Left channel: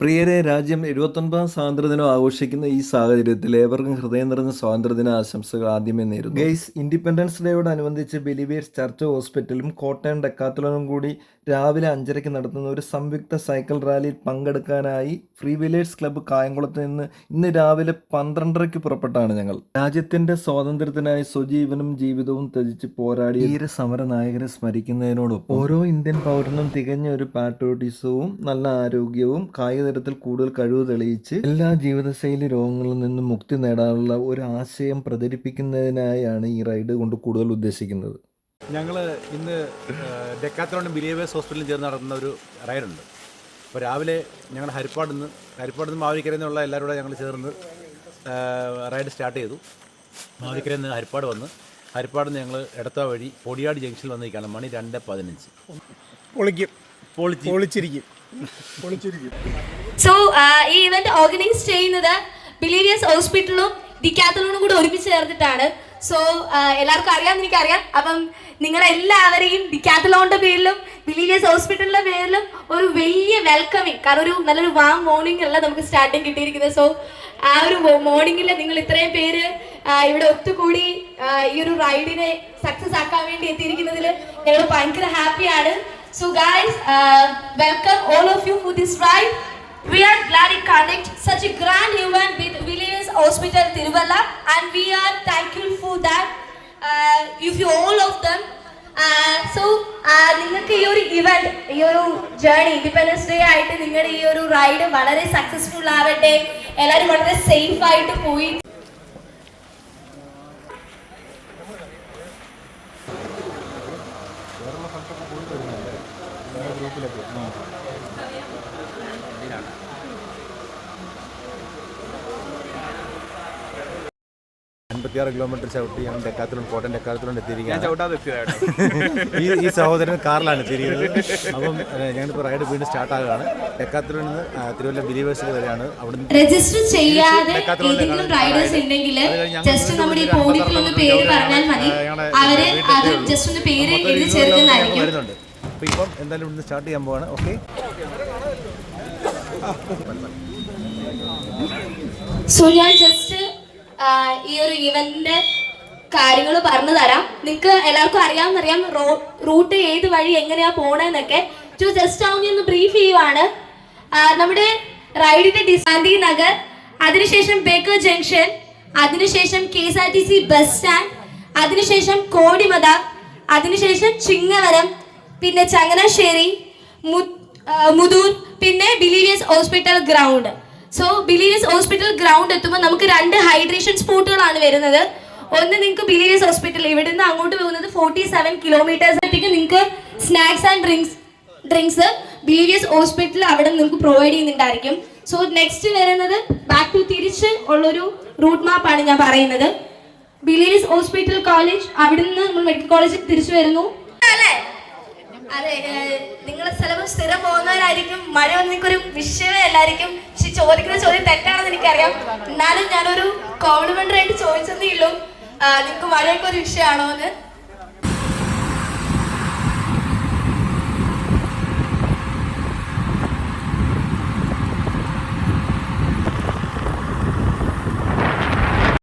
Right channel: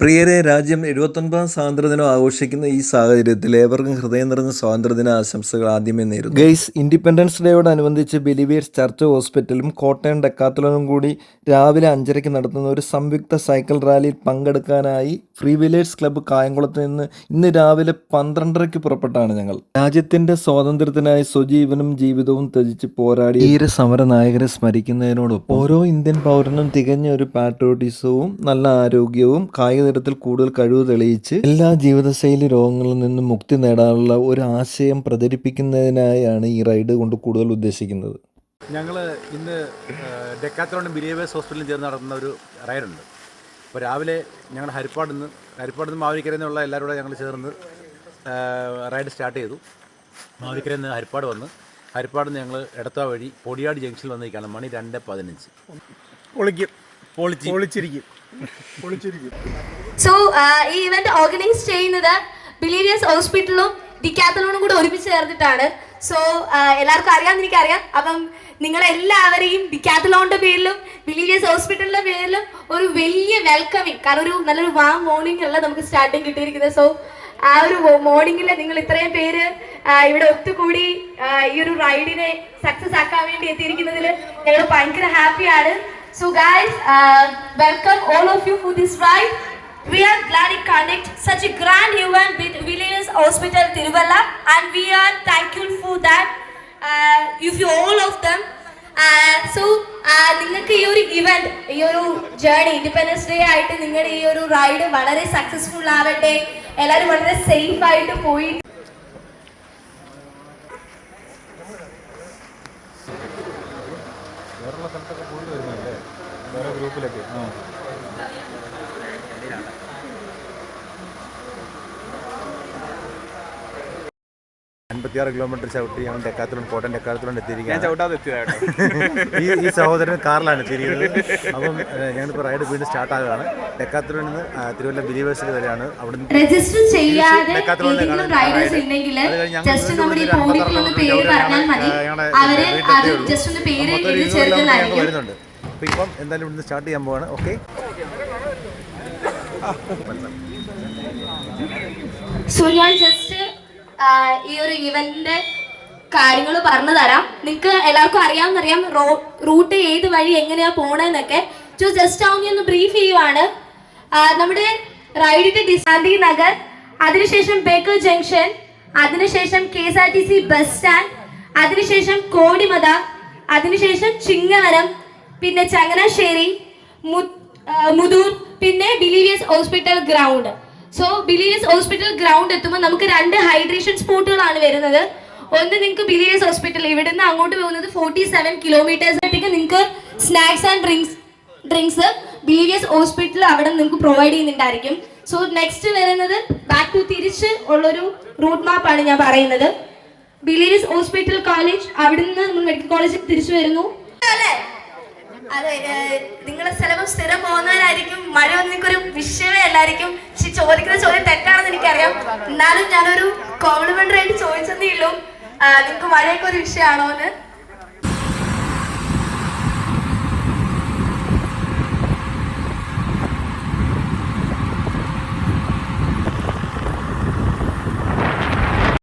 പ്രിയരെ, രാജ്യം 79ാം സ്വാതന്ത്ര്യദിനം ആഘോഷിക്കുന്ന ഈ സാഹചര്യത്തിൽ ഏവർക്കും ഹൃദയം നിറഞ്ഞ സ്വാതന്ത്ര്യദിന ആശംസകൾ ആദ്യമേ നേരുന്നു. ഗൈസ്, ഇൻഡിപെൻഡൻസ് ഡേയോടനുബന്ധിച്ച് ബിലീവേഴ്സ് ചർച്ച് ഹോസ്പിറ്റലും കോട്ടയം ഡെക്കാത്തലോണും കൂടി രാവിലെ 5:30 നടത്തുന്ന ഒരു സംയുക്ത സൈക്കിൾ റാലിയിൽ പങ്കെടുക്കാനായി ഫ്രീ വീലേഴ്സ് ക്ലബ്ബ് കായംകുളത്ത് നിന്ന് ഇന്ന് രാവിലെ 12:30 പുറപ്പെട്ടാണ് ഞങ്ങൾ. രാജ്യത്തിന്റെ സ്വാതന്ത്ര്യത്തിനായി സ്വജീവനും ജീവിതവും ത്യജിച്ച് പോരാടിയ ധീര സമര നായകരെ സ്മരിക്കുന്നതിനോടൊപ്പം ഓരോ ഇന്ത്യൻ പൗരനും തികഞ്ഞ ഒരു പാട്രിയോട്ടിസവും നല്ല ആരോഗ്യവും കായിക തരത്തിൽ കൂടുതൽ കഴിവ് തെളിയിച്ച് എല്ലാ ജീവിതശൈലി രോഗങ്ങളിൽ നിന്നും മുക്തി നേടാനുള്ള ഒരു ആശയം പ്രചരിപ്പിക്കുന്നതിനായാണ് ഈ റൈഡ് കൊണ്ട് കൂടുതൽ ഉദ്ദേശിക്കുന്നത്. ഞങ്ങൾ ഇന്ന് ഡെക്കാത്തലോണും ബിലീവേഴ്സ് ഹോസ്പിറ്റലിൽ ചേർന്ന് നടത്തുന്ന ഒരു റൈഡുണ്ട്. അപ്പോൾ രാവിലെ ഞങ്ങൾ ഹരിപ്പാട് നിന്ന് മാവേലിക്കരയിൽ നിന്നുള്ള എല്ലാവരും കൂടെ ഞങ്ങൾ ചേർന്ന് റൈഡ് സ്റ്റാർട്ട് ചെയ്തു. മാവേലിക്കരയിൽ നിന്ന് ഹരിപ്പാട് നിന്ന് ഞങ്ങൾ എടത്വ വഴി പൊടിയാട് ജംഗ്ഷനിൽ വന്നിരിക്കുകയാണ്. മണി 2:15. പൊളിച്ചിരിക്കും. സോ ഈ ഇവന്റ് ഓർഗനൈസ് ചെയ്യുന്നത് ബിലീവേഴ്സ് ഹോസ്പിറ്റലും ഡിക്കാത്തലോണും കൂടെ ഒരുമിച്ച് ചേർന്നിട്ടാണ്. സോ എല്ലാവർക്കും അറിയാമെന്ന് എനിക്കറിയാം. അപ്പം നിങ്ങളെല്ലാവരെയും ഡിക്കാത്തലോണിന്റെ പേരിലും ബിലീവേഴ്സ് ഹോസ്പിറ്റലിന്റെ പേരിലും ഒരു വലിയ വെൽക്കമിങ്, കാരണം ഒരു നല്ലൊരു വാം മോർണിംഗ് അല്ല നമുക്ക് സ്റ്റാർട്ടിങ് കിട്ടിയിരിക്കുന്നത്. സോ ആ ഒരു മോർണിംഗിൽ നിങ്ങൾ ഇത്രയും പേര് ഇവിടെ ഒത്തുകൂടി ഈ ഒരു റൈഡിനെ സക്സസ് ആക്കാൻ വേണ്ടി എത്തിയിരിക്കുന്നതിൽ ഞങ്ങൾ ഭയങ്കര ഹാപ്പിയാണ്. So guys, welcome all of you for this ride. We are glad to conduct such a grand event with Believers Hospital Tiruvalla, and we are thankful for that. If you all of them. So നിങ്ങൾക്ക് ഈ ഒരു event, ഈ ഒരു journey, independence day ആയിട്ട് നിങ്ങളുടെ ഈ ഒരു ride വളരെ സക്സസ്ഫുൾ ആവട്ടെ. എല്ലാവരും വളരെ സേഫ് ആയിട്ട് പോയി ഗ്രൂപ്പിലേക്ക് 56 കിലോമീറ്റർ ചവിട്ടി ഞങ്ങൾ കോട്ടയം ഡെക്കാത്തലോൺ എത്തിയിരിക്കുകയാണ്. ഞാൻ ഈ സഹോദരൻ കാറിലാണ് എത്തിയിരിക്കുന്നത്. അപ്പം ഞങ്ങളിപ്പോൾ റൈഡ് വീണ്ടും സ്റ്റാർട്ട് ആകുകയാണ്. ഡെക്കാത്തലോണിൽ നിന്ന് തിരുവല്ല ബിലീവേഴ്സിൽ വരെയാണ്. അവിടെ രജിസ്റ്റർ ചെയ്യാതെ ജസ്റ്റ് നമ്മുടെ വരുന്നുണ്ട്. അപ്പോൾ ഇപ്പം എന്തായാലും ഇവിടുന്ന് സ്റ്റാർട്ട് ചെയ്യാൻ പോവാണ്. ഓക്കെ, സോ ഞാൻ ജസ്റ്റ് ഈ ഒരു ഇവന്റിന്റെ കാര്യങ്ങൾ പറഞ്ഞു തരാം. നിങ്ങൾക്ക് എല്ലാവർക്കും അറിയാമെന്നറിയാം റൂട്ട് ഏത് വഴി എങ്ങനെയാ പോണെന്നൊക്കെ. ജസ്റ്റ് ഒന്ന് ബ്രീഫ് ചെയ്യുവാണ്. നമ്മുടെ റൈഡിന്റെ ഗാന്ധി നഗർ, അതിനുശേഷം ബേക്കർ ജംഗ്ഷൻ, അതിനുശേഷം KSRTC ബസ് സ്റ്റാൻഡ്, അതിനുശേഷം കോടിമത, അതിനുശേഷം ചിങ്ങവരം, പിന്നെ ചങ്ങനാശ്ശേരി, മുതൂർ, പിന്നെ believers hospital ground. So believers hospital ground എത്തുമ്പോൾ നമുക്ക് 2 ഹൈഡ്രേഷൻ സ്പോട്ടുകളാണ് വരുന്നത്. ഒന്ന് നിങ്ങൾക്ക് ബിലീവേഴ്സ് ഹോസ്പിറ്റൽ, ഇവിടെ നിന്ന് അങ്ങോട്ട് പോകുന്നത് 47 കിലോമീറ്റേഴ്സത്തേക്ക് നിങ്ങൾക്ക് snacks and drinks believers hospital അവിടെ നിങ്ങൾക്ക് പ്രൊവൈഡ് ചെയ്യുന്നുണ്ടായിരിക്കും. സോ നെക്സ്റ്റ് വരുന്നത് ബാക്ക് ടു തിരിച്ച് ഉള്ളൊരു റൂട്ട് മാപ്പാണ് ഞാൻ പറയുന്നത്. ബിലീവേഴ്സ് ഹോസ്പിറ്റൽ കോളേജ്, അവിടെ നിന്ന് നമ്മൾ മെഡിക്കൽ കോളേജിൽ തിരിച്ചു വരുന്നു അല്ലേ? അതെ, നിങ്ങളെ ചിലപ്പോൾ സ്ഥിരം പോകുന്നവരായിരിക്കും. മഴ ഒന്നിക്കൊരു വിഷയമേ അല്ലായിരിക്കും. പക്ഷെ ചോദിക്കുന്ന ചോദ്യം തെറ്റാണെന്ന് എനിക്കറിയാം. എന്നാലും ഞാനൊരു കോംപ്ലിമെന്ററി ആയിട്ട് ചോദിച്ചതേ ഉള്ളൂ, നിങ്ങൾക്ക് മഴയൊക്കെ ഒരു വിഷയമാണോ എന്ന്.